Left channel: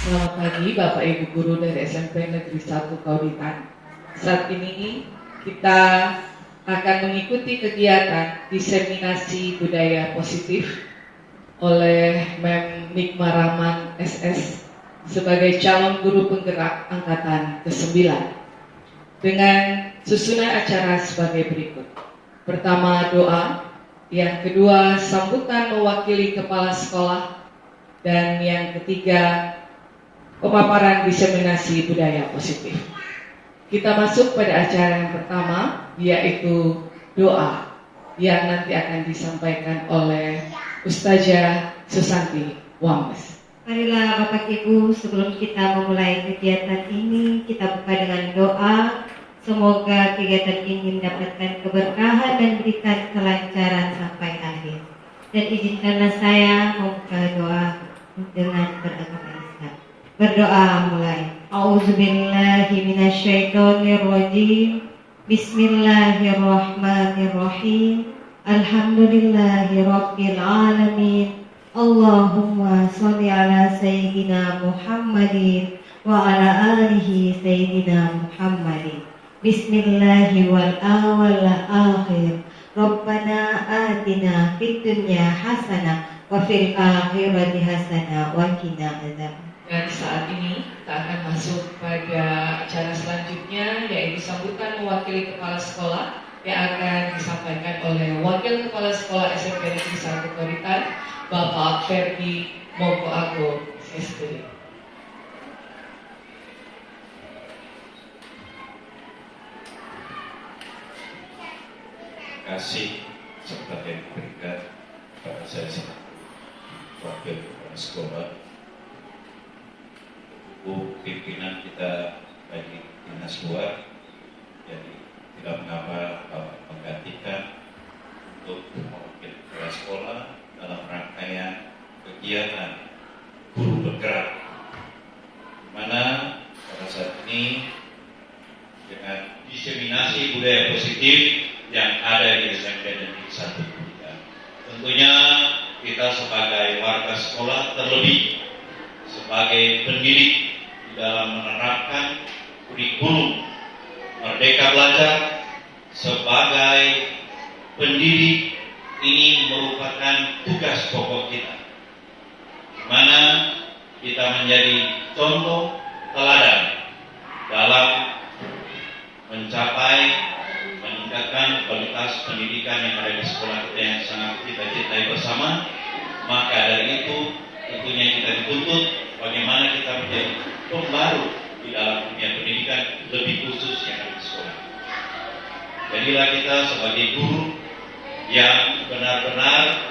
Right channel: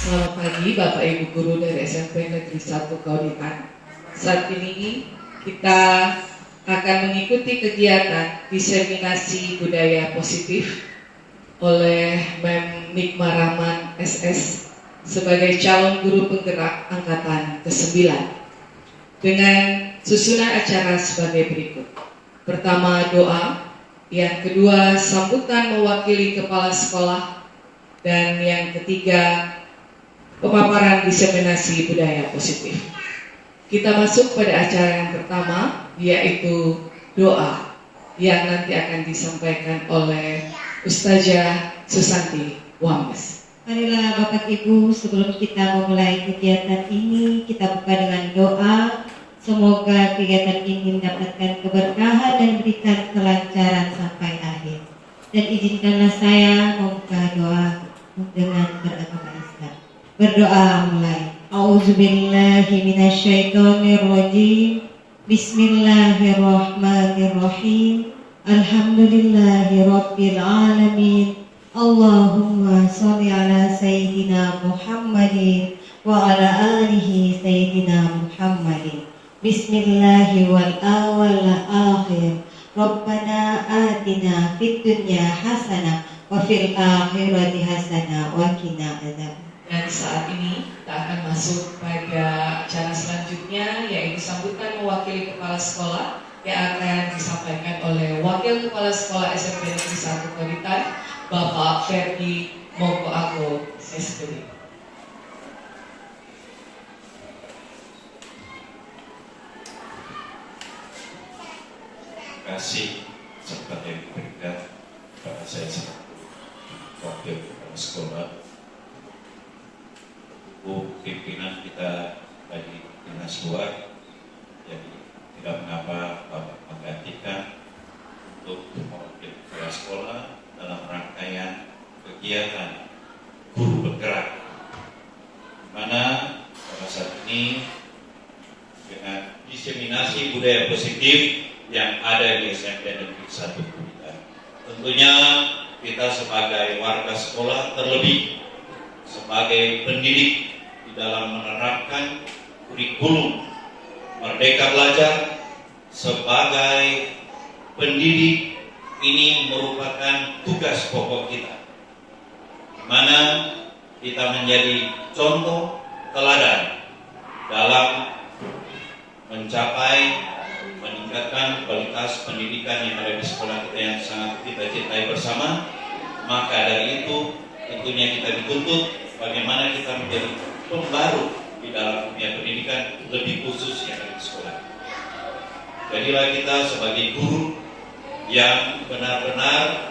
Selamat pagi Bapak Ibu Guru dari SMP Negeri 1 Kauditan. Saat ini kita akan mengikuti kegiatan diseminasi budaya positif oleh Mem Nikma Rahman SS sebagai calon guru penggerak angkatan ke-9 dengan susunan acara sebagai berikut. Pertama doa, yang kedua sambutan mewakili kepala sekolah, dan yang ketiga pemaparan diseminasi budaya positif. Kita masuk pada acara yang pertama, yaitu doa yang nanti akan disampaikan oleh Ustazah Susanti Wames. Marilah Bapak Ibu, sebelum kita memulai kegiatan ini, kita buka dengan doa. Semoga kegiatan ini mendapatkan keberkahan dan berikan kelancaran sampai akhir. Dan izinkanlah saya membuka doa dengan beragama Islam. Berdoa mulai. A'udzubillahi minasyaitonirrajim. Bismillahirrahmanirrahim. Alhamdulillahi rabbil alamin. Allahumma sholli ala sayyidina Muhammadin wa ala alihi sayyidina Muhammadin. Bismillahi wal awal akhir. Rabbana atina fid dunya hasanah wa fil akhirati hasanah wa qina adzabannar. Dan saat ini kita akan masuk pada acara selanjutnya, yaitu sambutan mewakili kepala sekolah yang akan disampaikan oleh Wakil Kepala Sekolah SMP Negeri 1 Kauditan, Bapak Ferdi Mokoago SPD. Terima kasih serta yang diberikan kepada saya selaku Wakil Kepala Sekolah. Pimpinan kita bagi dinas luar, jadi tidak mengapa Bapak menggantikan untuk mewakili kepala sekolah dalam rangkaian kegiatan guru bergerak, di mana pada saat ini dengan diseminasi budaya positif yang ada di SMP Negeri 1 Kauditan. Tentunya kita sebagai warga sekolah, terlebih sebagai pendidik di dalam menerapkan kurikulum Merdeka Belajar, sebagai pendidik ini merupakan tugas pokok kita, di mana kita menjadi contoh teladan dalam mencapai meningkatkan kualitas pendidikan yang ada di sekolah kita yang sangat kita cintai bersama. Maka dari itu tentunya kita dituntut bagaimana kita menjadi pembaru di dalam dunia pendidikan, lebih khusus yang ada di sekolah. Jadilah kita sebagai guru yang benar-benar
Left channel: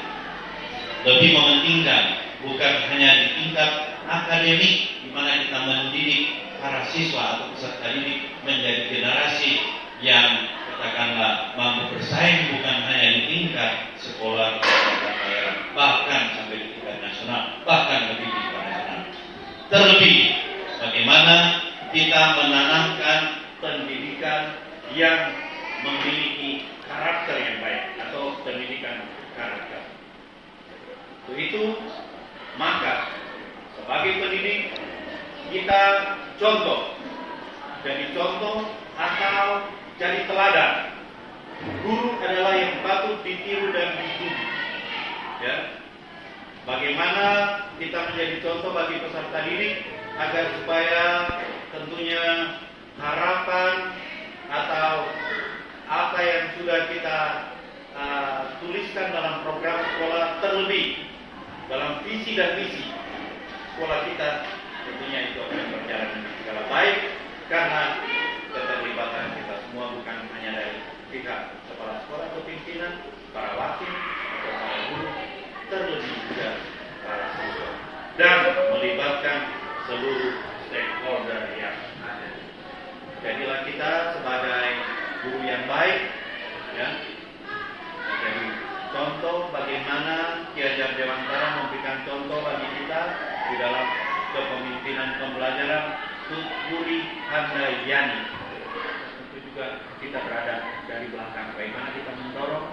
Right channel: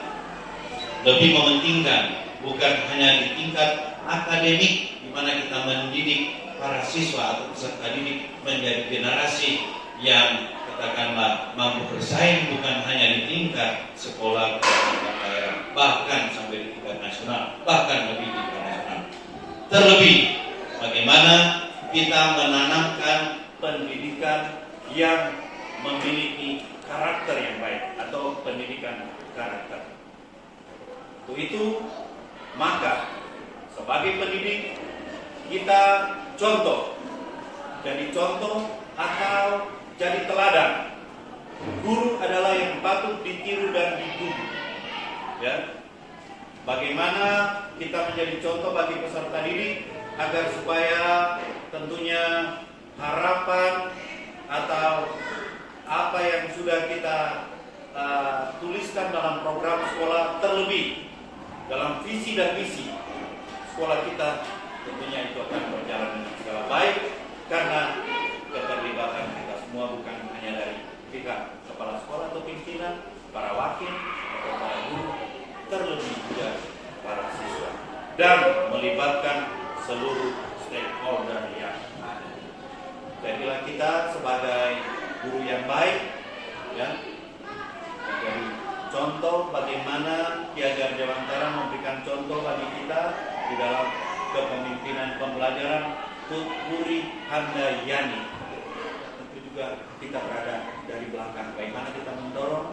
lebih mementingkan bukan hanya di tingkat akademik, di mana kita mendidik para siswa atau peserta didik menjadi generasi yang katakanlah mampu bersaing, bukan hanya di tingkat sekolah daerah, bahkan sampai di tingkat nasional, bahkan lebih di tingkat nasional. Terlebih bagaimana kita menanamkan pendidikan yang memiliki karakter yang baik atau pendidikan karakter. Untuk itu maka sebagai pendidik kita contoh, jadi contoh atau jadi teladan. Guru adalah yang patut ditiru dan dituju. Ya. Bagaimana kita menjadi contoh bagi peserta didik agar supaya tentunya harapan atau apa yang sudah kita tuliskan dalam program sekolah, terlebih dalam visi dan misi sekolah kita, tentunya itu akan berjalan dengan segala baik karena keterlibatan kita semua, bukan hanya dari pihak kepala sekolah atau pimpinan, para wakil atau para guru, terlebih juga para siswa, dan melibatkan seluruh stakeholder yang ada. Jadilah kita sebagai guru yang baik, ya, menjadi contoh bagaimana Ki Hajar Dewantara memberikan contoh bagi kita di dalam kepemimpinan pembelajaran Tutpuri Handayani. Tentu juga kita berada dari belakang, bagaimana kita mendorong,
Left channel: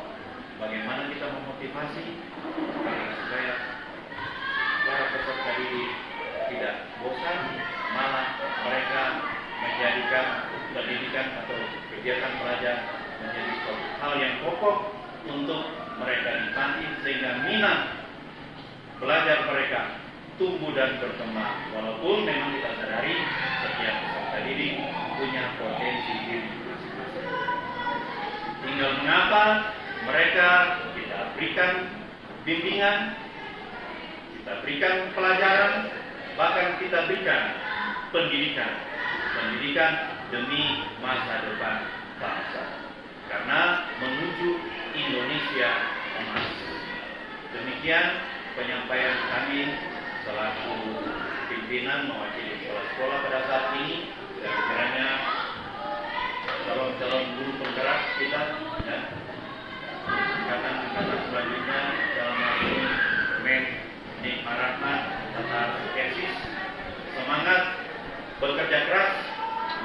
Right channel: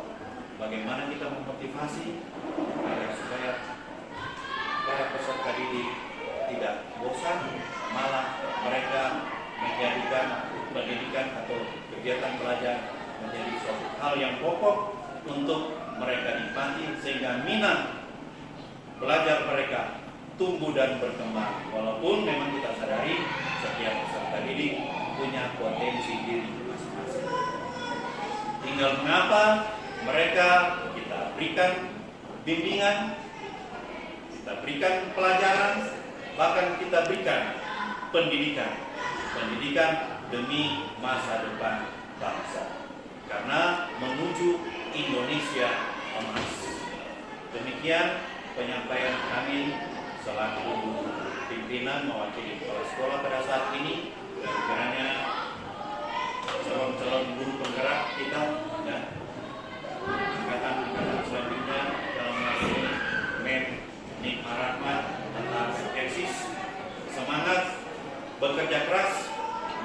bagaimana kita memotivasi agar supaya para peserta didik tidak bosan kegiatan belajar menjadi suatu hal yang pokok untuk mereka nikmati sehingga minat belajar mereka tumbuh dan berkembang. Walaupun memang kita sadari setiap peserta didik punya potensi diri masing-masing. Tinggal mengapa mereka kita berikan bimbingan, kita berikan pelajaran, bahkan kita berikan pendidikan demi masa depan bangsa. Karena menuju Indonesia emas. Demikian penyampaian kami selaku pimpinan mewakili kepala sekolah pada saat ini, dan kiranya calon-calon guru penggerak kita dan angkatan-angkatan selanjutnya dalam masuk Mem Nikmah Rahmat Tata Eksis semangat bekerja keras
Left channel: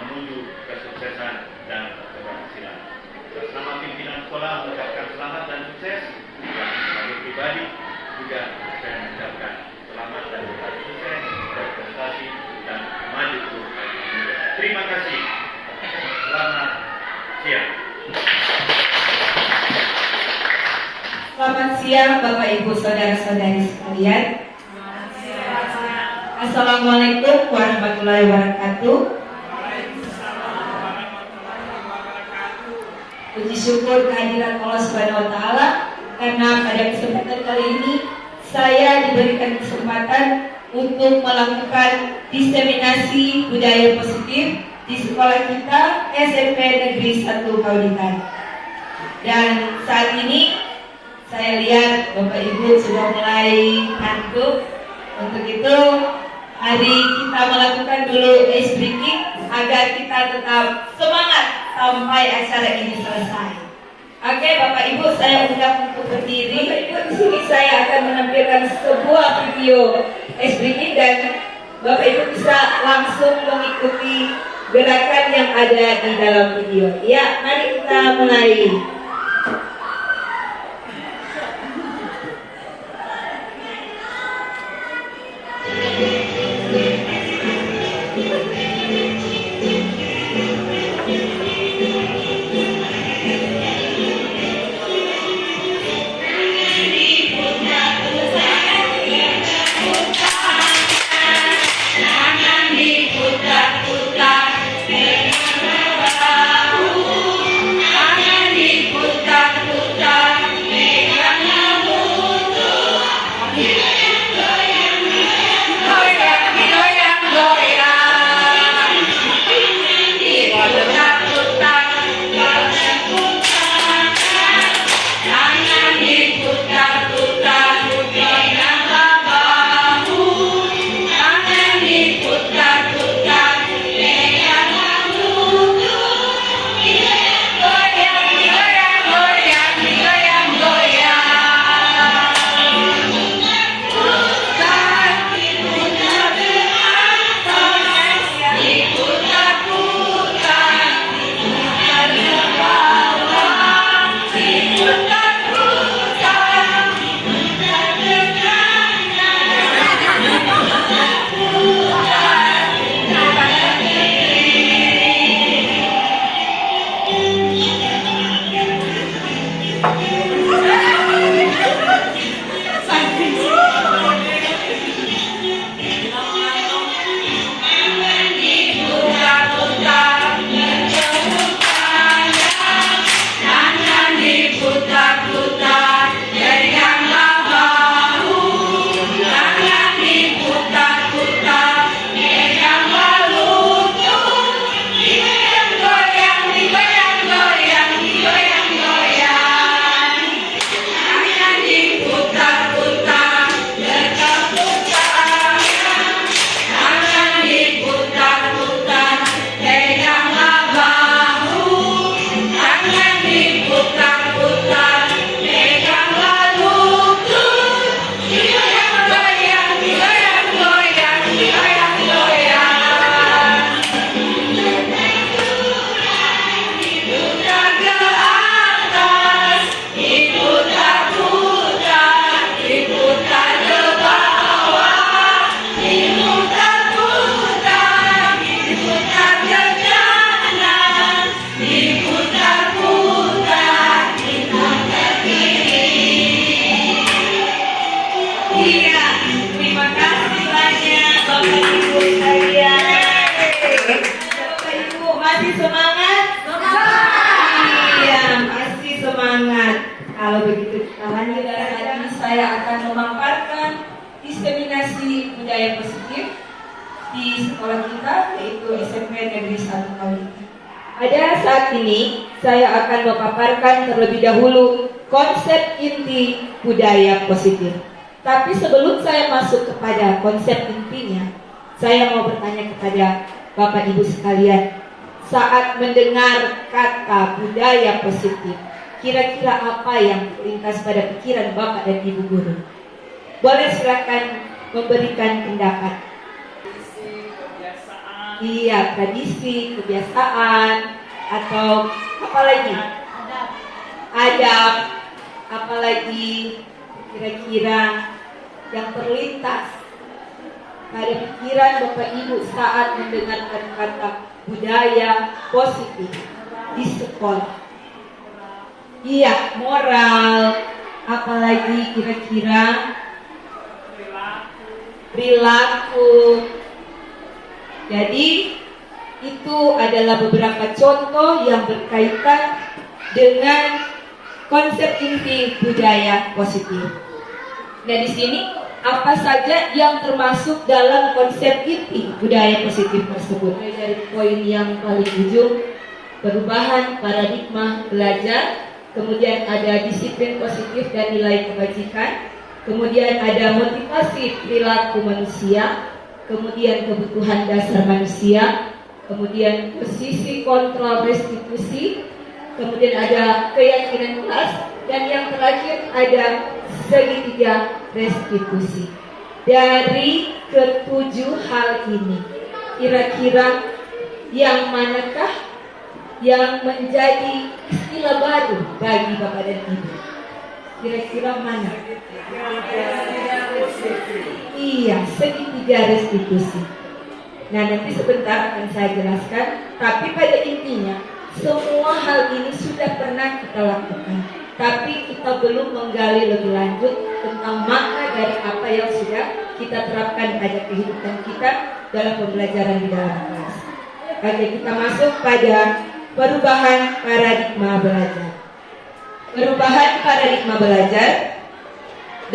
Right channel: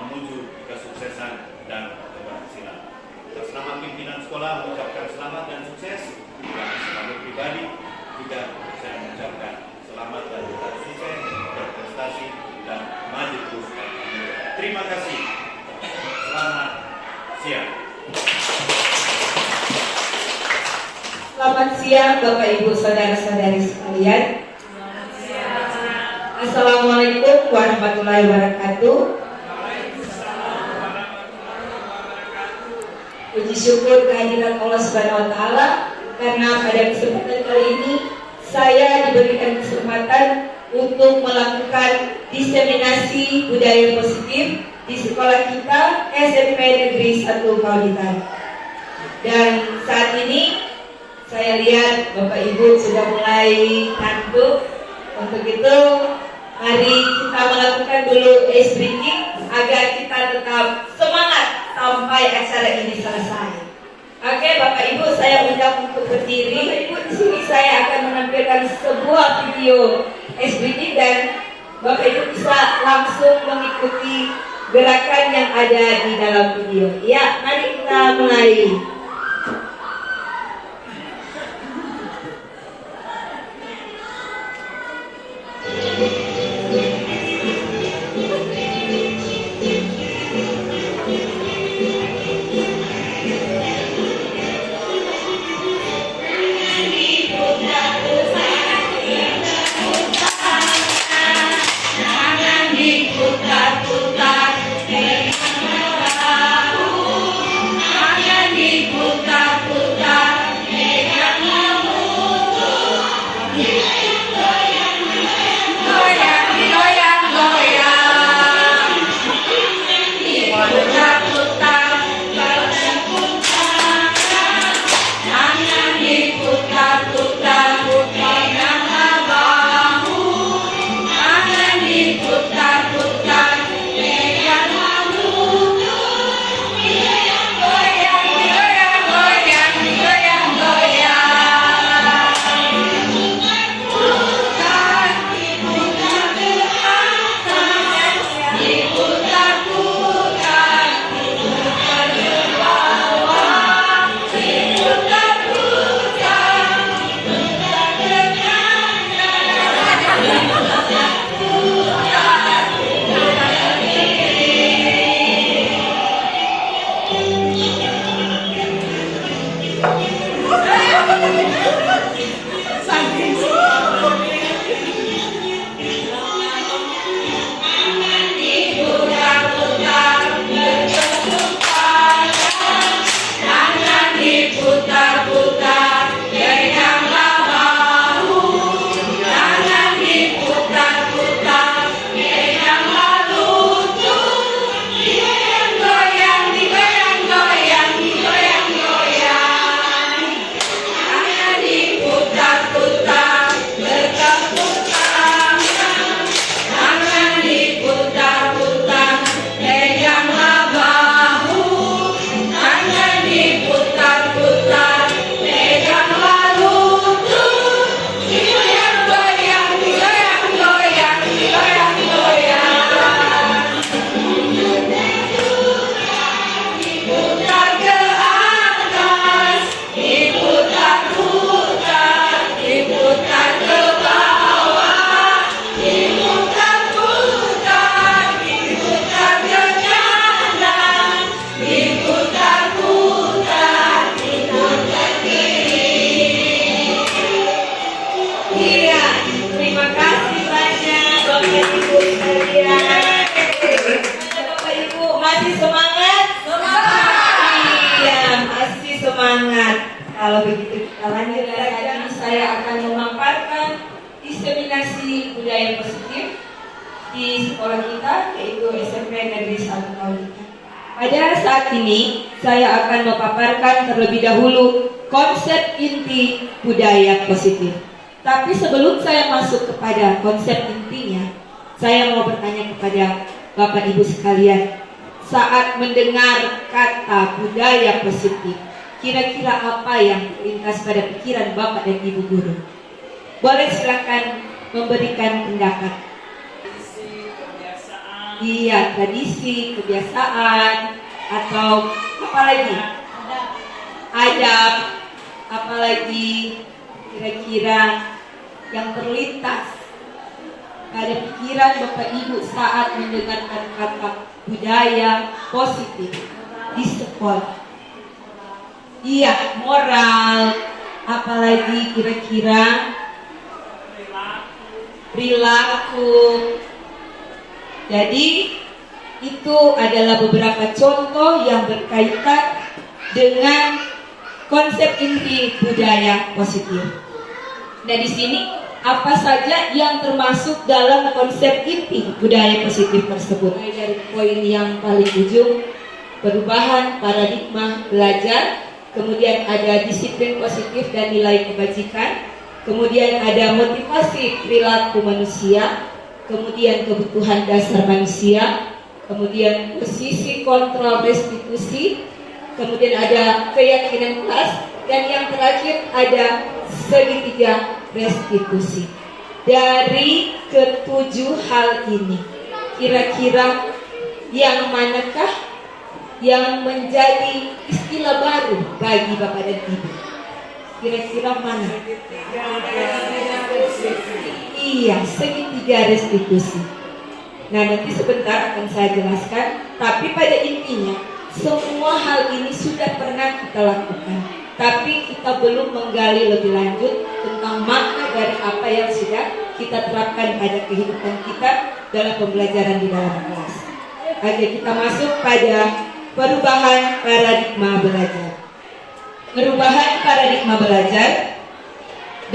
menuju kesuksesan dan keberhasilan. Atas nama pimpinan sekolah mengucapkan selamat dan sukses. Dan sebagai pribadi juga saya mengucapkan selamat dan sukses, berprestasi dan maju terus. Terima kasih. Selamat siang. Selamat siang Bapak Ibu Saudara-saudari sekalian. Assalamualaikum warahmatullahi wabarakatuh. Puji syukur kehadiran Allah Subhanahu wa taala karena pada kesempatan kali ini saya diberikan kesempatan untuk melakukan diseminasi budaya positif di sekolah kita SMP Negeri 1 Kauditan. Dan saat ini saya lihat Bapak Ibu sudah mulai ngantuk. Untuk itu mari kita melakukan dulu ice breaking agar kita tetap semangat sampai acara ini selesai. Oke, Bapak Ibu, saya undang untuk berdiri. Di sini saya akan menampilkan sebuah video ice breaking dan Bapak Ibu bisa langsung mengikuti gerakan yang ada di dalam video. Ya, mari kita mulai. masih semangat? Iya, masih semangat. Kalau begitu kita lanjut. Saat ini saya akan memaparkan diseminasi budaya positif di sekolah kita, yaitu SMP Negeri 1 Kaulita. Pada saat ini saya akan memaparkan terlebih dahulu konsep inti budaya positif. Tapi sebelum saya masuk kepada konsep intinya, saya mau bertanya kepada Bapak Ibu sekalian, saat mendengar kata budaya positif, kira-kira apa yang terlintas pada pikiran Bapak dan Ibu guru? Boleh silakan memberikan pendapat. Iya, tradisi, kebiasaan, atau apa lagi? Adab, apalagi kira-kira yang terlintas pada pikiran Bapak Ibu saat mendengarkan kata budaya positif di sekolah. Iya, moral, apalagi kira-kira perilaku. Jadi itu adalah beberapa contoh yang berkaitan dengan konsep inti budaya positif. Nah, di sini apa saja yang termasuk dalam konsep inti budaya positif tersebut? Dari poin yang paling ujung, perubahan paradigma belajar, kemudian ada disiplin positif dan nilai kebajikan, kemudian ada motivasi perilaku manusia, kemudian kebutuhan dasar manusia, kemudian posisi kontrol restitusi, kemudian ada keyakinan kelas, dan yang terakhir ada segitiga restitusi. Dari ketujuh hal ini, kira-kira yang manakah yang menjadi istilah baru bagi Bapak dan Ibu? Kira-kira mana? Iya, segitiga restitusi. Nah, nanti sebentar akan saya jelaskan. Tapi pada intinya, semua hal ini sudah pernah kita lakukan. Tapi kita belum menggali lebih lanjut tentang makna dari apa yang sudah kita terapkan pada kehidupan kita dalam pembelajaran di dalam kelas. Oke, kita masuk pada perubahan paradigma belajar. Perubahan paradigma belajar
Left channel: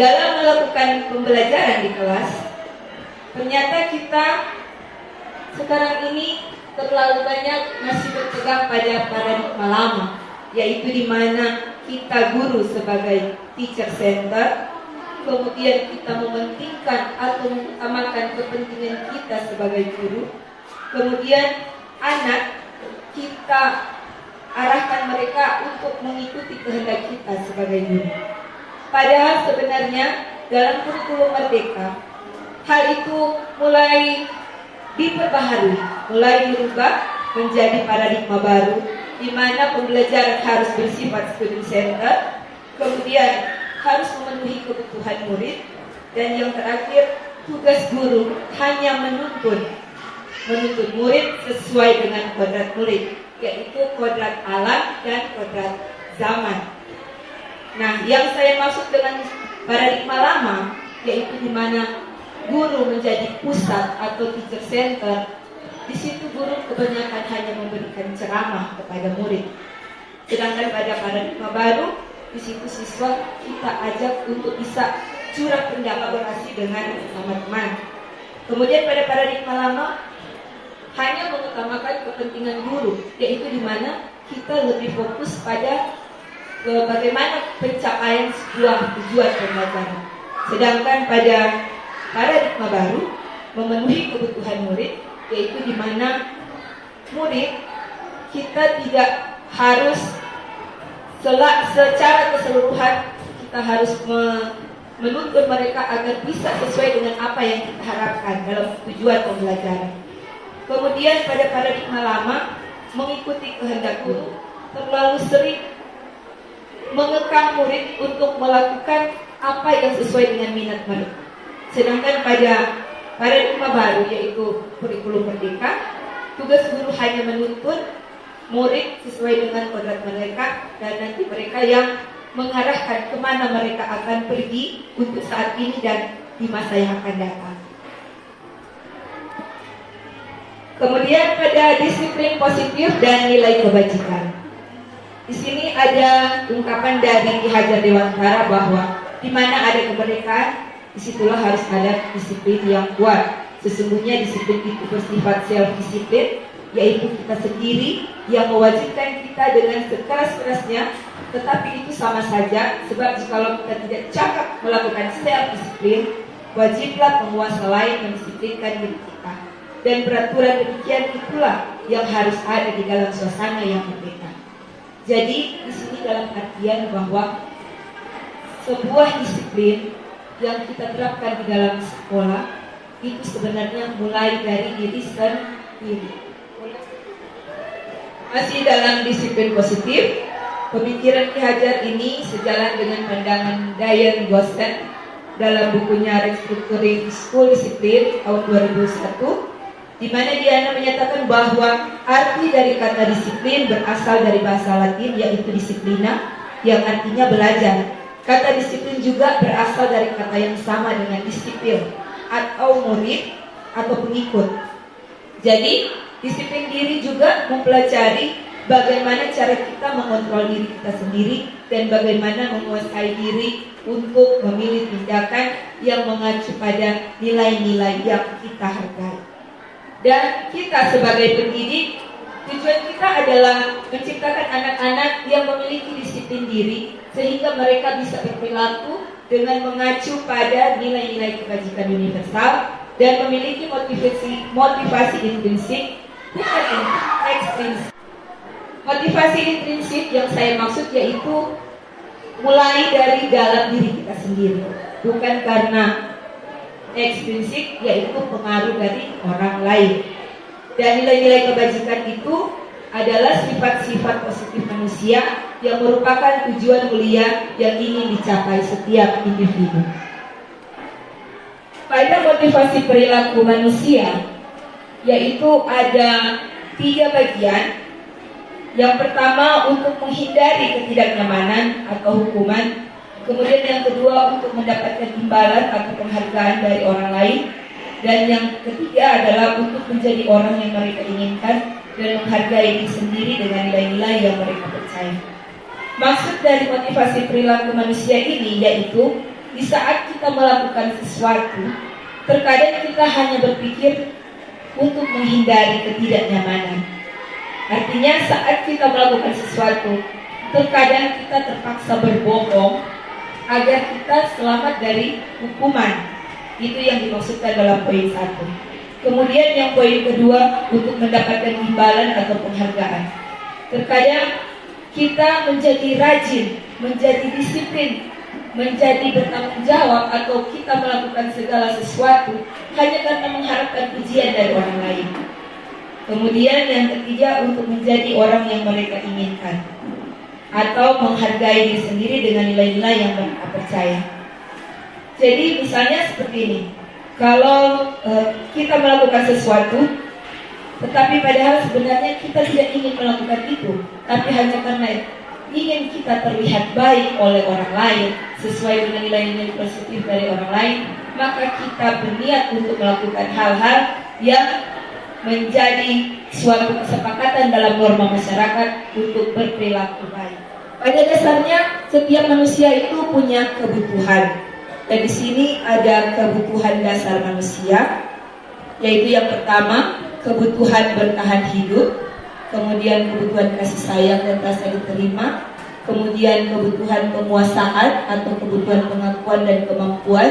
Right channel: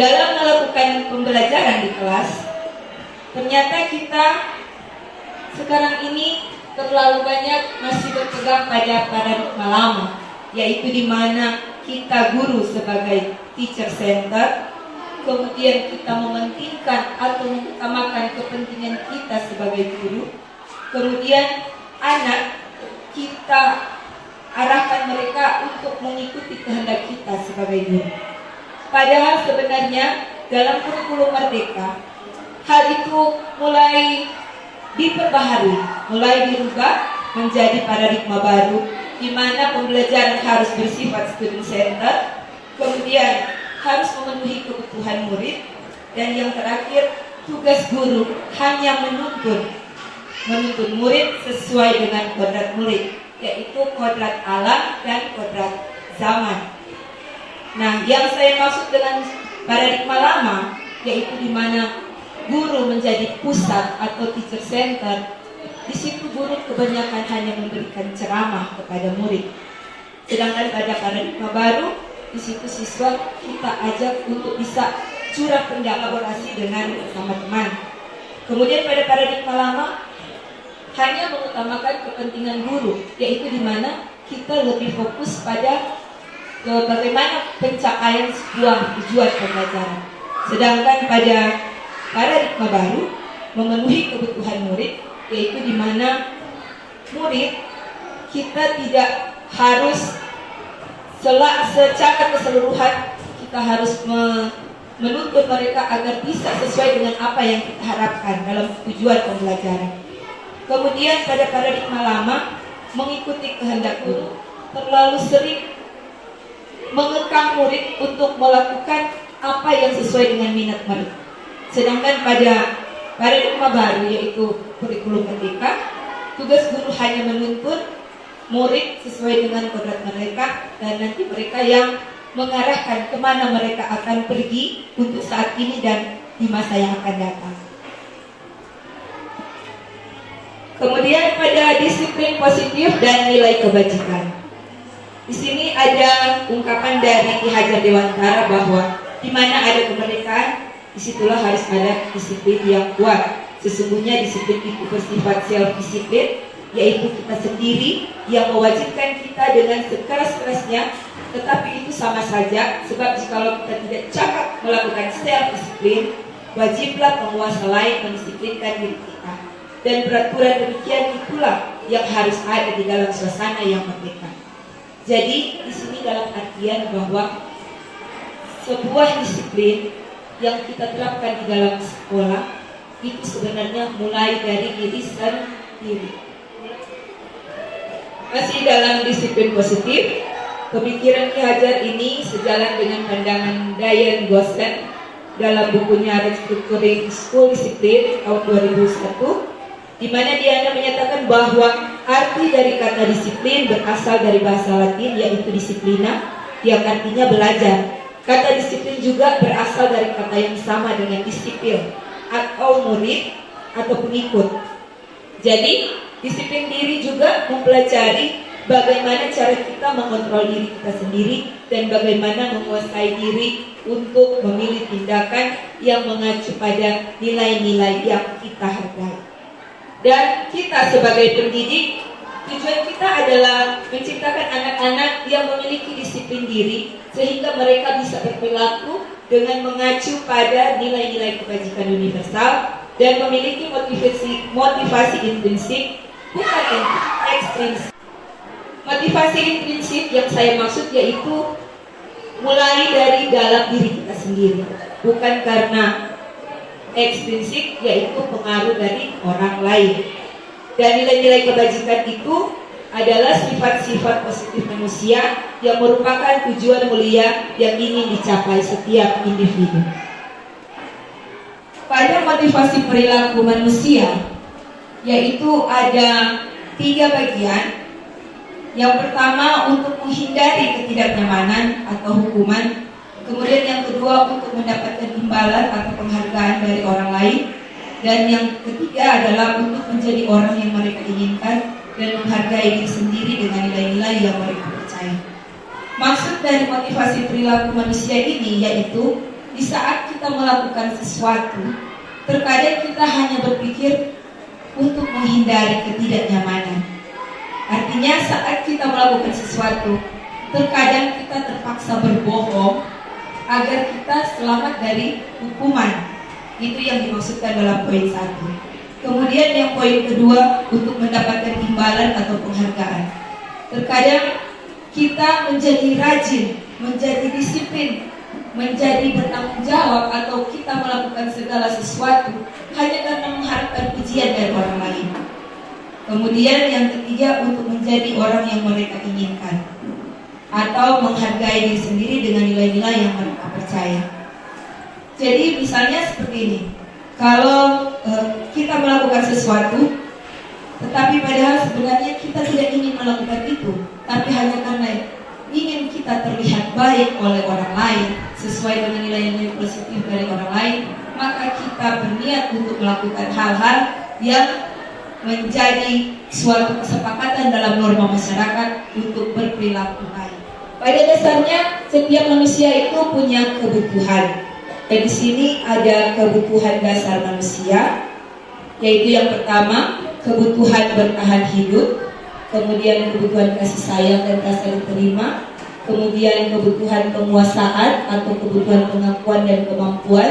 dalam melakukan pembelajaran di kelas. Ternyata kita sekarang ini terlalu banyak masih berpegang pada paradigma lama, yaitu di mana kita guru sebagai teacher center, kemudian kita mementingkan atau mengutamakan kepentingan kita sebagai guru, kemudian anak kita arahkan mereka untuk mengikuti kehendak kita sebagai guru. Padahal sebenarnya dalam kurikulum Merdeka, hal itu mulai diperbaharui, mulai dirubah menjadi paradigma baru, di mana pembelajaran harus bersifat student center, kemudian harus memenuhi kebutuhan murid, dan yang terakhir tugas guru hanya menuntun murid sesuai dengan kodrat murid, yaitu kodrat alam dan kodrat zaman. Nah, yang saya maksud dengan paradigma lama, yaitu di mana guru menjadi pusat atau teacher center. Di situ guru kebanyakan hanya memberikan ceramah kepada murid. Sedangkan pada paradigma baru, di situ siswa kita ajak untuk bisa curah pendapat dengan teman-teman. Kemudian pada paradigma lama hanya mengutamakan kepentingan guru, yaitu di mana kita lebih fokus pada bagaimana pencapaian sebuah tujuan pembelajaran. Sedangkan pada paradigma baru memenuhi kebutuhan murid, yaitu di mana murid kita tidak harus secara keseluruhan kita harus menuntut mereka agar bisa sesuai dengan apa yang kita harapkan dalam tujuan pembelajaran. Kemudian pada paradigma lama mengikuti kehendak guru, terlalu sering mengekang murid untuk melakukan apa yang sesuai dengan minat murid. Sedangkan pada paradigma baru, yaitu kurikulum Merdeka, tugas guru hanya menuntun murid sesuai dengan kodrat mereka, dan nanti mereka yang mengarahkan kemana mereka akan pergi untuk saat ini dan di masa yang akan datang. Kemudian pada disiplin positif dan nilai kebajikan. Di sini ada ungkapan dari Ki Hajar Dewantara bahwa di mana ada kemerdekaan, disitulah harus ada disiplin yang kuat. Sesungguhnya disiplin itu bersifat self-disiplin, yaitu kita sendiri yang mewajibkan kita dengan sekeras-kerasnya, tetapi itu sama saja, sebab jikalau kita tidak cepat melakukan self-disiplin, wajiblah penguasa lain mendisiplinkan diri kita. Dan peraturan demikian itulah yang harus ada di dalam suasana yang merdeka. Jadi di sini dalam artian bahwa sebuah disiplin yang kita terapkan di dalam sekolah itu sebenarnya mulai dari diri sendiri. Masih dalam disiplin positif, pemikiran Ki Hajar ini sejalan dengan pandangan Diane Gossen dalam bukunya Restructuring School Discipline tahun 2001, di mana dia menyatakan bahwa arti dari kata disiplin berasal dari bahasa Latin yaitu disiplina, yang artinya belajar. Kata disiplin juga berasal dari kata yang sama dengan disiplin atau murid atau pengikut. Jadi disiplin diri juga mempelajari bagaimana cara kita mengontrol diri kita sendiri dan bagaimana menguasai diri untuk memilih tindakan yang mengacu pada nilai-nilai yang kita hargai. Dan kita sebagai pendidik, tujuan kita adalah menciptakan anak-anak yang memiliki disiplin diri sehingga mereka bisa berperilaku dengan mengacu pada nilai-nilai kebajikan universal dan memiliki motivasi intrinsik bukan ekstrinsik. Motivasi intrinsik yang saya maksud yaitu mulai dari dalam diri kita sendiri, bukan karena ekstrinsik yaitu pengaruh dari orang lain. Dan nilai-nilai kebajikan itu adalah sifat-sifat positif manusia yang merupakan tujuan mulia yang ingin dicapai setiap individu. Pada motivasi perilaku manusia, yaitu ada 3 bagian. Yang pertama untuk menghindari ketidaknyamanan atau hukuman. Kemudian yang kedua untuk mendapatkan imbalan atau penghargaan dari orang lain. Dan yang ketiga adalah untuk menjadi orang yang mereka inginkan dan menghargai diri sendiri dengan nilai-nilai yang mereka percaya. Maksud dari motivasi perilaku manusia ini yaitu di saat kita melakukan sesuatu, terkadang kita hanya berpikir untuk menghindari ketidaknyamanan. Artinya saat kita melakukan sesuatu, terkadang kita terpaksa berbohong agar kita selamat dari hukuman. Itu yang dimaksudkan dalam poin 1. Kemudian yang poin kedua untuk mendapatkan imbalan atau penghargaan. Terkadang kita menjadi rajin, menjadi disiplin, menjadi bertanggung jawab atau kita melakukan segala sesuatu hanya karena mengharapkan pujian dari orang lain. Kemudian yang ketiga untuk menjadi orang yang mereka inginkan atau menghargai diri sendiri dengan nilai-nilai yang mereka percaya. Jadi misalnya seperti ini, kalau kita melakukan sesuatu, tetapi padahal sebenarnya kita tidak ingin melakukan itu, tapi hanya karena ingin kita terlihat baik oleh orang lain, sesuai dengan nilai-nilai positif dari orang lain, maka kita berniat untuk melakukan hal-hal yang menjadi suatu kesepakatan dalam norma masyarakat untuk berperilaku baik. Pada dasarnya setiap manusia itu punya kebutuhan. Dan di sini ada kebutuhan dasar manusia, yaitu yang pertama kebutuhan bertahan hidup, kemudian kebutuhan kasih sayang dan rasa diterima, kemudian kebutuhan penguasaan atau kebutuhan pengakuan dan kemampuan,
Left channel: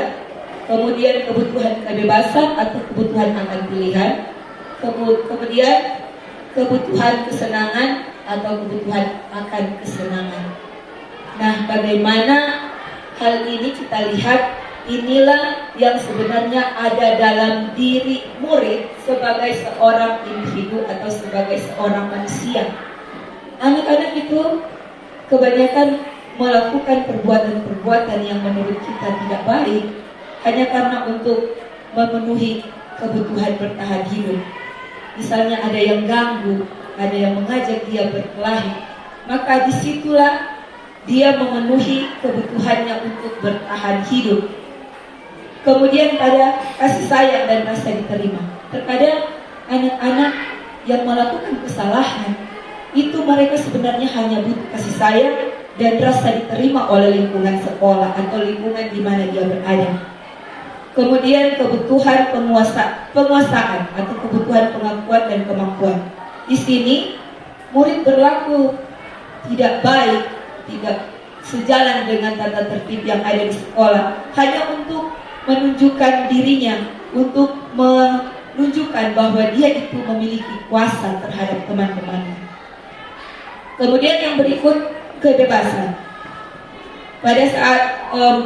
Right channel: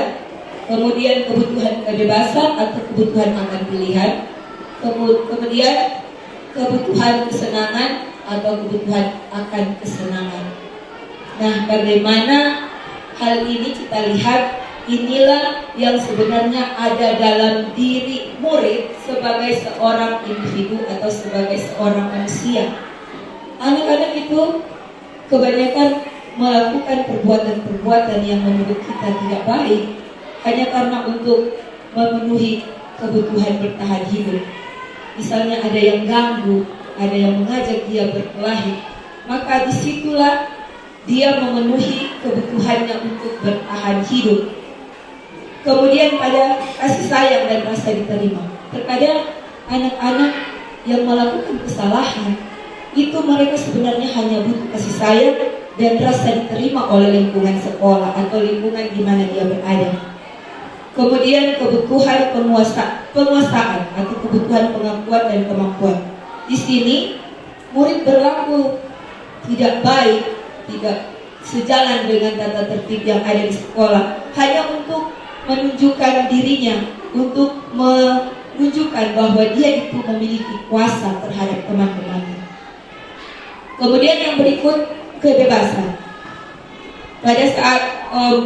kemudian kebutuhan kebebasan atau kebutuhan akan pilihan, kemudian kebutuhan kesenangan atau kebutuhan akan kesenangan. Nah, bagaimana hal ini kita lihat, inilah yang sebenarnya ada dalam diri murid sebagai seorang individu atau sebagai seorang manusia. Anak-anak itu kebanyakan melakukan perbuatan-perbuatan yang menurut kita tidak baik hanya karena untuk memenuhi kebutuhan bertahan hidup. Misalnya ada yang ganggu, ada yang mengajak dia berkelahi, maka disitulah dia memenuhi kebutuhannya untuk bertahan hidup. Kemudian pada kasih sayang dan rasa diterima. Terkadang anak-anak yang melakukan kesalahan itu mereka sebenarnya hanya butuh kasih sayang dan rasa diterima oleh lingkungan sekolah atau lingkungan di mana dia berada. Kemudian kebutuhan penguasaan atau kebutuhan pengakuan dan kemampuan. Di sini murid berlaku tidak baik, tidak sejalan dengan tata tertib yang ada di sekolah, hanya untuk menunjukkan dirinya, untuk menunjukkan bahwa dia itu memiliki kuasa terhadap teman-temannya. Kemudian yang berikut, kebebasan. Pada saat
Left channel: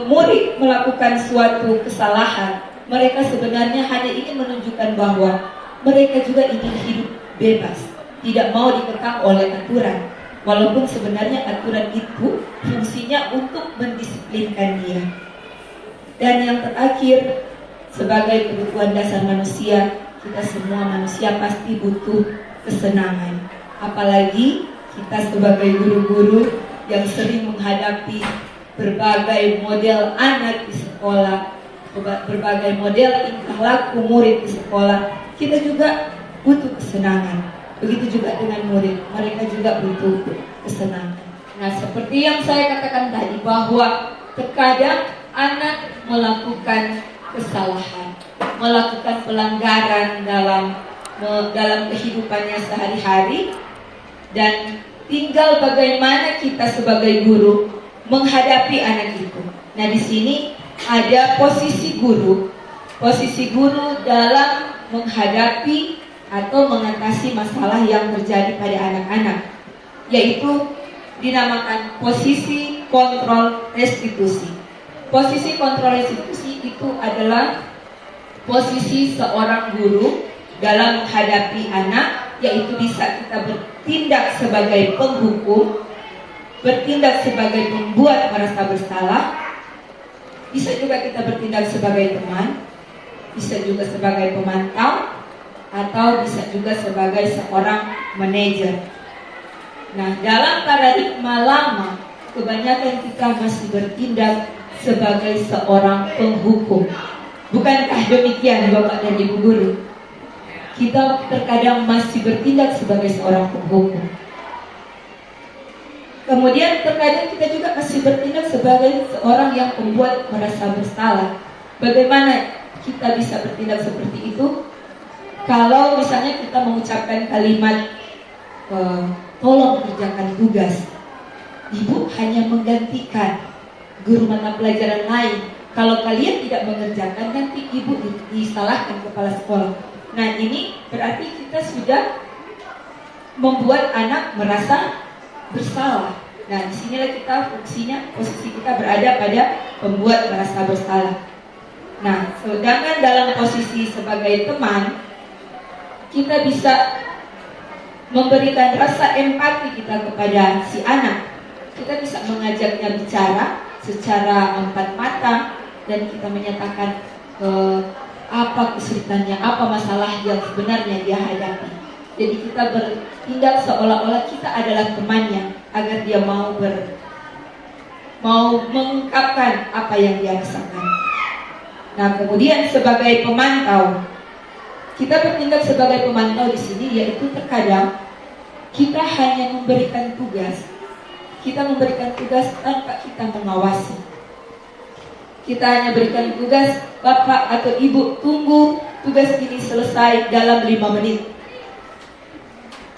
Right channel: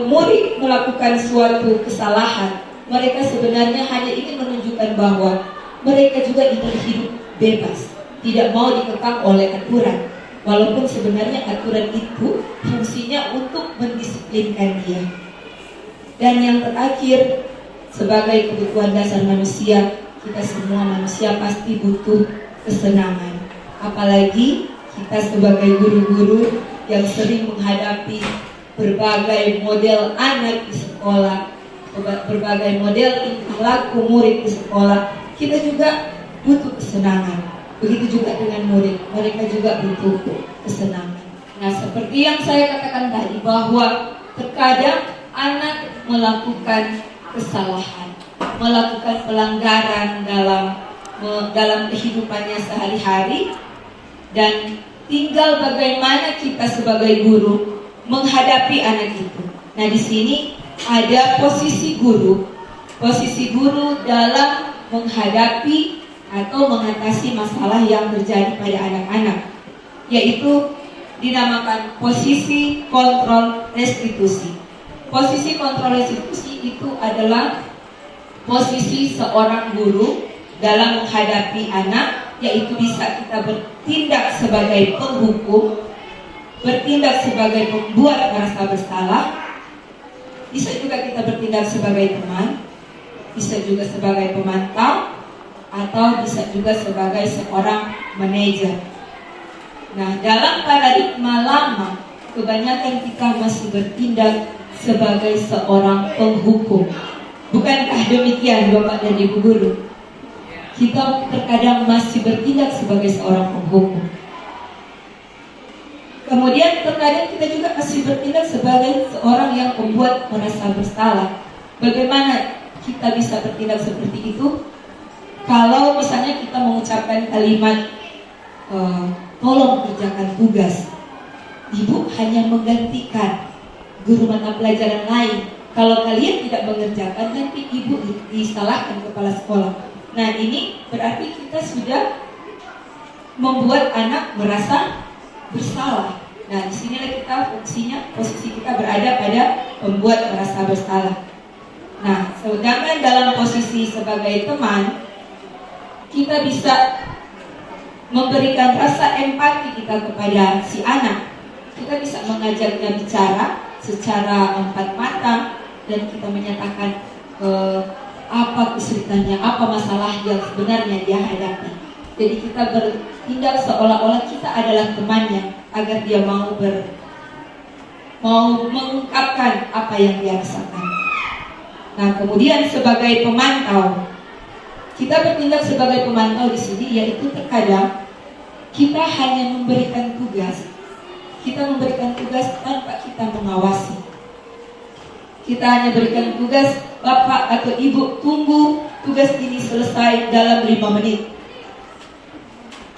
murid melakukan suatu kesalahan, mereka sebenarnya hanya ingin menunjukkan bahwa mereka juga ingin hidup bebas, tidak mau dikekang oleh aturan. Walaupun sebenarnya aturan itu fungsinya untuk mendisiplinkan dia. Dan yang terakhir, sebagai kebutuhan dasar manusia, kita semua manusia pasti butuh kesenangan. Apalagi kita sebagai guru-guru yang sering menghadapi berbagai model anak di sekolah, berbagai model tingkah laku murid di sekolah, kita juga butuh kesenangan. Begitu juga dengan murid, mereka juga butuh kesenangan. Nah, seperti yang saya katakan tadi, bahwa terkadang anak melakukan kesalahan, melakukan pelanggaran dalam kehidupannya sehari-hari, dan tinggal bagaimana kita sebagai guru menghadapi anak itu. Nah, di sini ada posisi guru dalam menghadapi atau mengatasi masalah yang terjadi pada anak-anak, yaitu dinamakan posisi kontrol restitusi. Posisi kontrol restitusi itu adalah posisi seorang guru dalam menghadapi anak, yaitu bisa kita bertindak sebagai penghukum, bertindak sebagai pembuat merasa bersalah, bisa juga kita bertindak sebagai teman, bisa juga sebagai pemantau, atau bisa juga sebagai seorang manajer. Nah, dalam paradigma lama, kebanyakan kita masih bertindak sebagai seorang penghukum. Bukankah demikian Bapak dan Ibu Guru? Kita terkadang masih bertindak sebagai seorang penghukum. Kemudian terkadang kita juga masih bertindak sebagai seorang yang membuat merasa bersalah. Bagaimana kita bisa bertindak seperti itu? Kalau misalnya kita mengucapkan kalimat tolong kerjakan tugas, Ibu hanya menggantikan guru mata pelajaran lain. Kalau kalian tidak mengerjakan, nanti Ibu disalahkan kepala sekolah. Nah, ini berarti kita sudah membuat anak merasa bersalah. Nah, disinilah kita posisi kita berada pada pembuat merasa bersalah. Nah, sedangkan dalam posisi sebagai teman, kita bisa memberikan rasa empati kita kepada si anak. Kita bisa mengajaknya bicara secara empat mata, dan kita menyatakan apa kesulitannya, apa masalah yang sebenarnya dia hadapi. Jadi kita bertindak seolah-olah kita adalah temannya, agar dia mau mengungkapkan apa yang dia rasakan. Nah, kemudian sebagai pemantau, kita bertindak sebagai pemantau di sini, yaitu terkadang kita hanya memberikan tugas. Kita memberikan tugas tanpa kita mengawasi. Kita hanya berikan tugas, Bapak atau Ibu tunggu tugas ini selesai dalam 5 menit.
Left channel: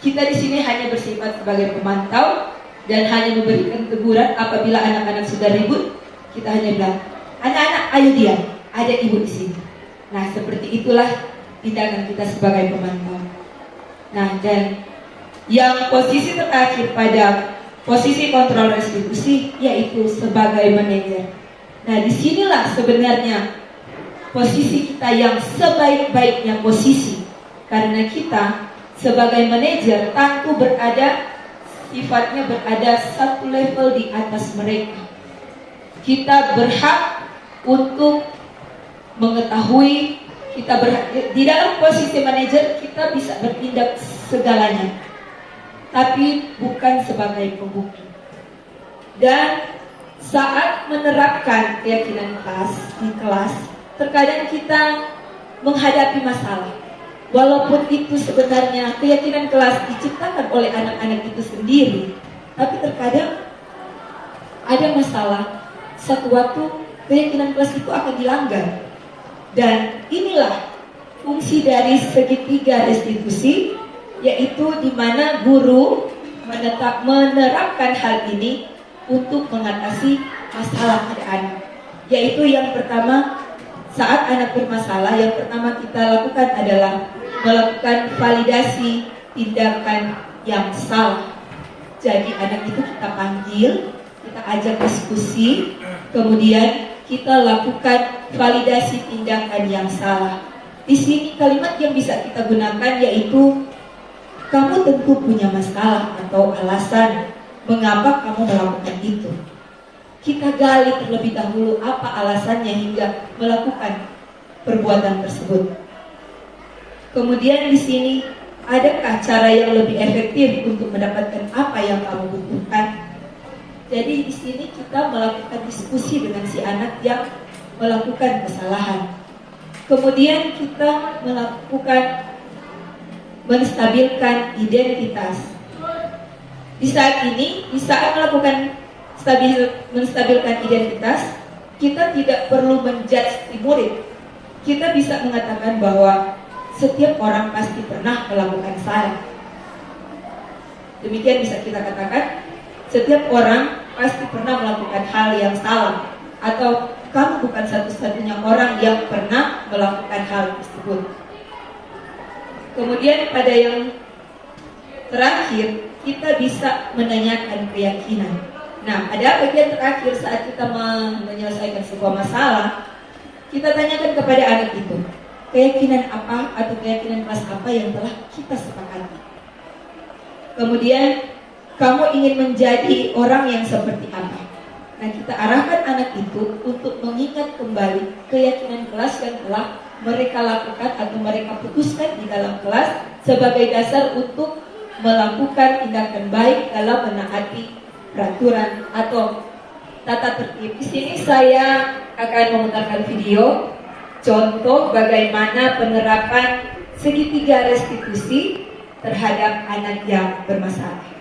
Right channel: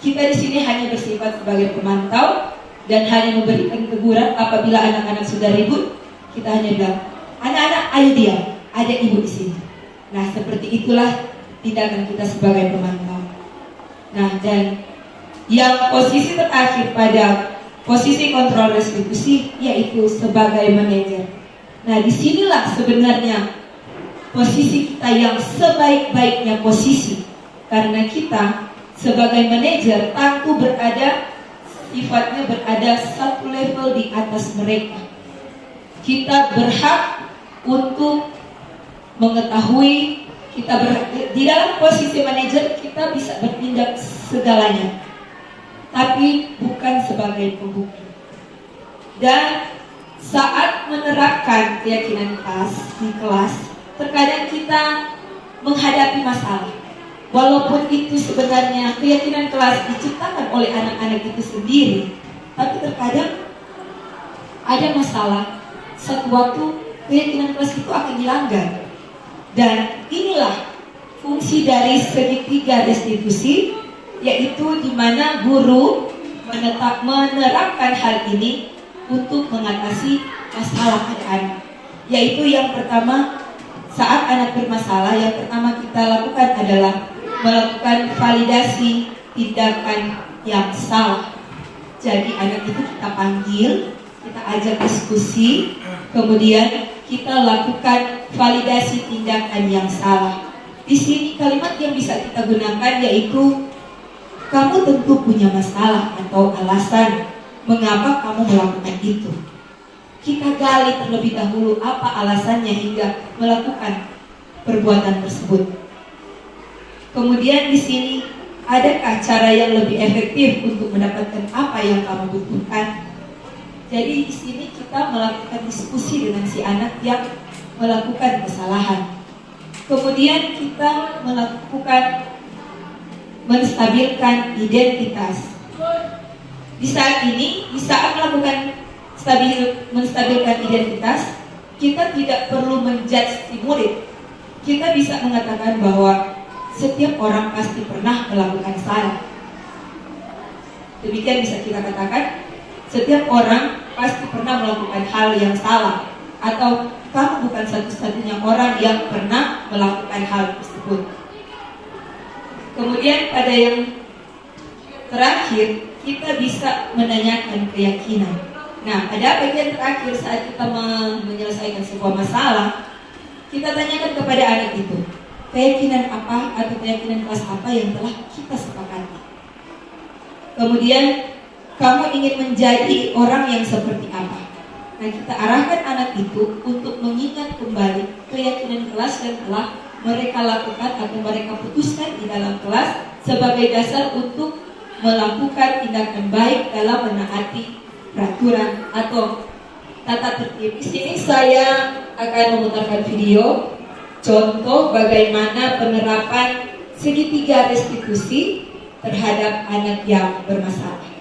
Kita di sini hanya bersifat sebagai pemantau dan hanya memberikan teguran apabila anak-anak sudah ribut. Kita hanya bilang, anak-anak ayo diam, ada Ibu di sini. Nah, seperti itulah tindakan kita sebagai pemantau. Nah, dan yang posisi terakhir pada posisi kontrol restitusi, yaitu sebagai manajer. Nah, disinilah sebenarnya posisi kita yang sebaik-baiknya posisi, karena kita sebagai manajer tentu sifatnya berada satu level di atas mereka. Kita berhak untuk mengetahui, di dalam posisi manajer kita bisa bertindak segalanya, tapi bukan sebagai pembukti. Dan saat menerapkan keyakinan di kelas, terkadang kita menghadapi masalah. Walaupun itu sebenarnya keyakinan kelas diciptakan oleh anak-anak itu sendiri, tapi terkadang ada masalah. Satu waktu keyakinan kelas itu akan dilanggar. Dan inilah fungsi dari segitiga restitusi, yaitu di mana guru menerapkan hal ini untuk mengatasi masalah anak-anak. Yaitu yang pertama, saat anak bermasalah, yang pertama kita lakukan adalah melakukan validasi tindakan yang salah. Jadi anak itu kita panggil, kita ajak diskusi, kemudian kita lakukan validasi tindakan yang salah. Di sini kalimat yang bisa kita gunakan yaitu, kamu tentu punya masalah atau alasan mengapa kamu melakukan itu. Kita gali terlebih dahulu apa alasannya hingga melakukan perbuatan tersebut. Kemudian di sini, adakah cara yang lebih efektif untuk mendapatkan apa yang kamu butuhkan? Jadi di sini kita melakukan diskusi dengan si anak yang melakukan kesalahan. Kemudian kita melakukan menstabilkan identitas. Di saat ini, di saat melakukan menstabilkan identitas, kita tidak perlu menjudge si murid. Kita bisa mengatakan bahwa setiap orang pasti pernah melakukan salah. Demikian bisa kita katakan, setiap orang pasti pernah melakukan hal yang salah. Atau kamu bukan satu-satunya orang yang pernah melakukan hal tersebut. Kemudian pada yang terakhir, kita bisa menanyakan keyakinan. Nah, pada bagian terakhir saat kita menyelesaikan sebuah masalah, kita tanyakan kepada anak itu, keyakinan apa atau keyakinan kelas apa yang telah kita sepakati. Kemudian, kamu ingin menjadi orang yang seperti apa? Nah, kita arahkan anak itu untuk mengingat kembali keyakinan kelas yang telah mereka lakukan atau mereka putuskan di dalam kelas sebagai dasar untuk melakukan tindakan baik dalam menaati peraturan atau tata tertib. Di sini saya akan memutarkan video contoh bagaimana penerapan segitiga restitusi terhadap anak yang bermasalah.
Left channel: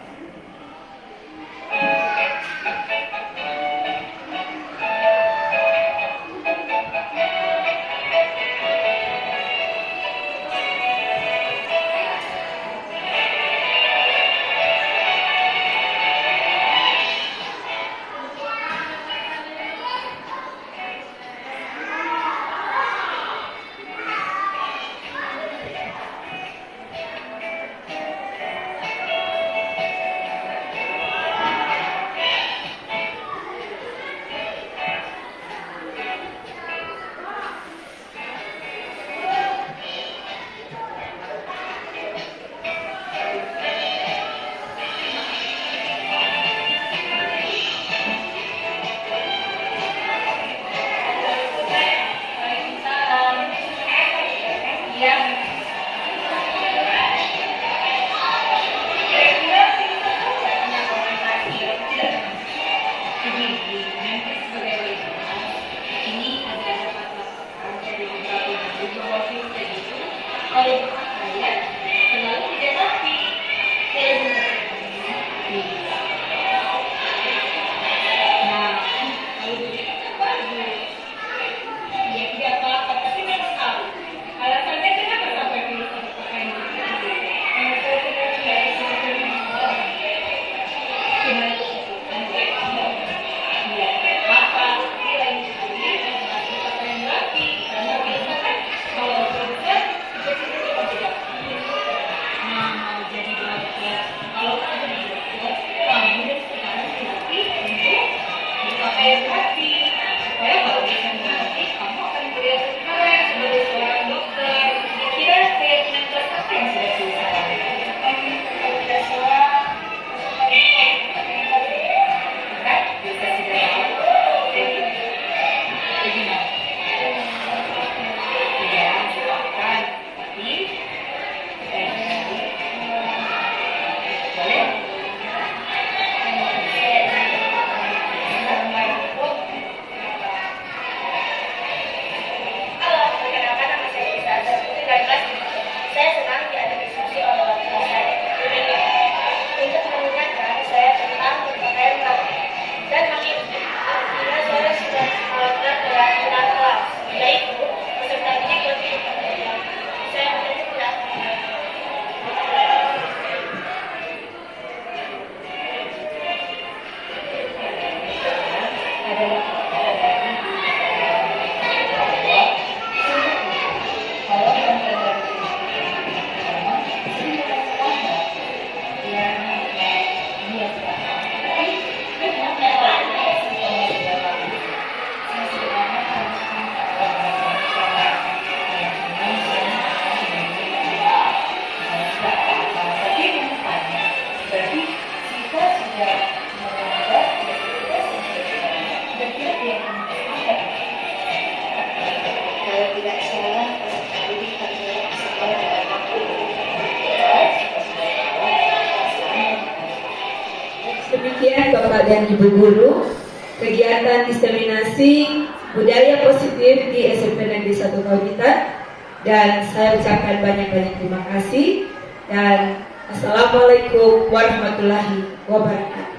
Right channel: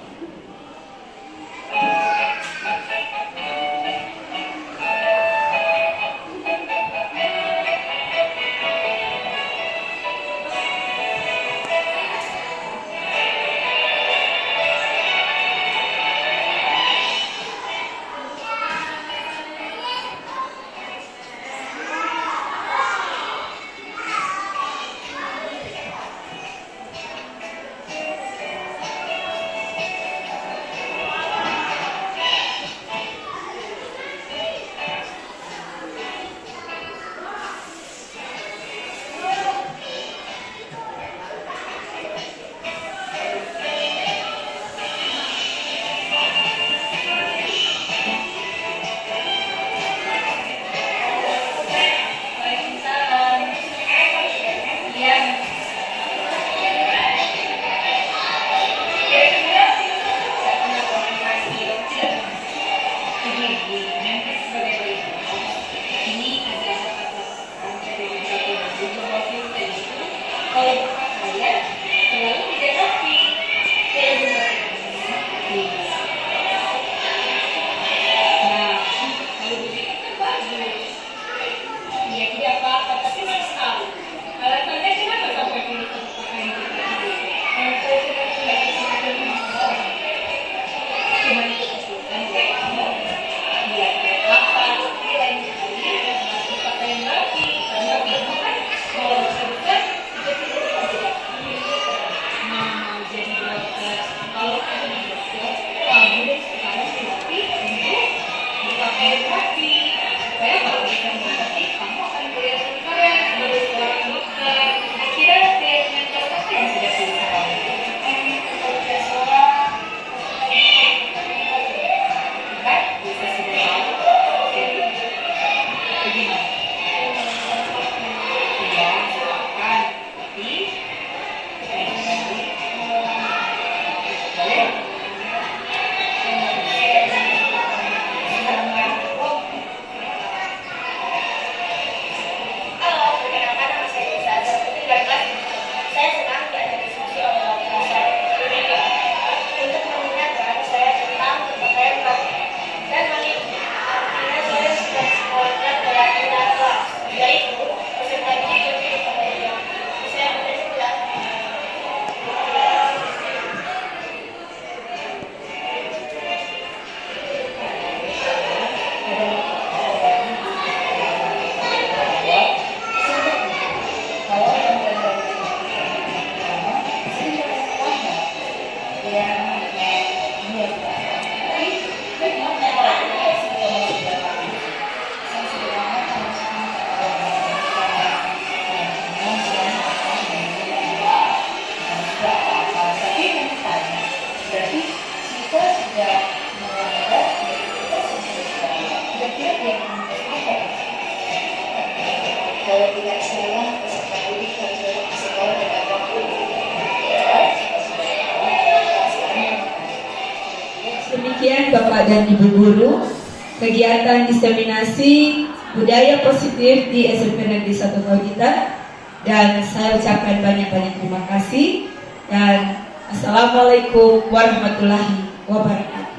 Demikian Bapak dan Ibu Guru, kegiatan diseminasi budaya positif di SMP Negeri 1 Kauditan, dan saya ucapkan banyak-banyak terima kasih dan Assalamualaikum warahmatullahi wabarakatuh.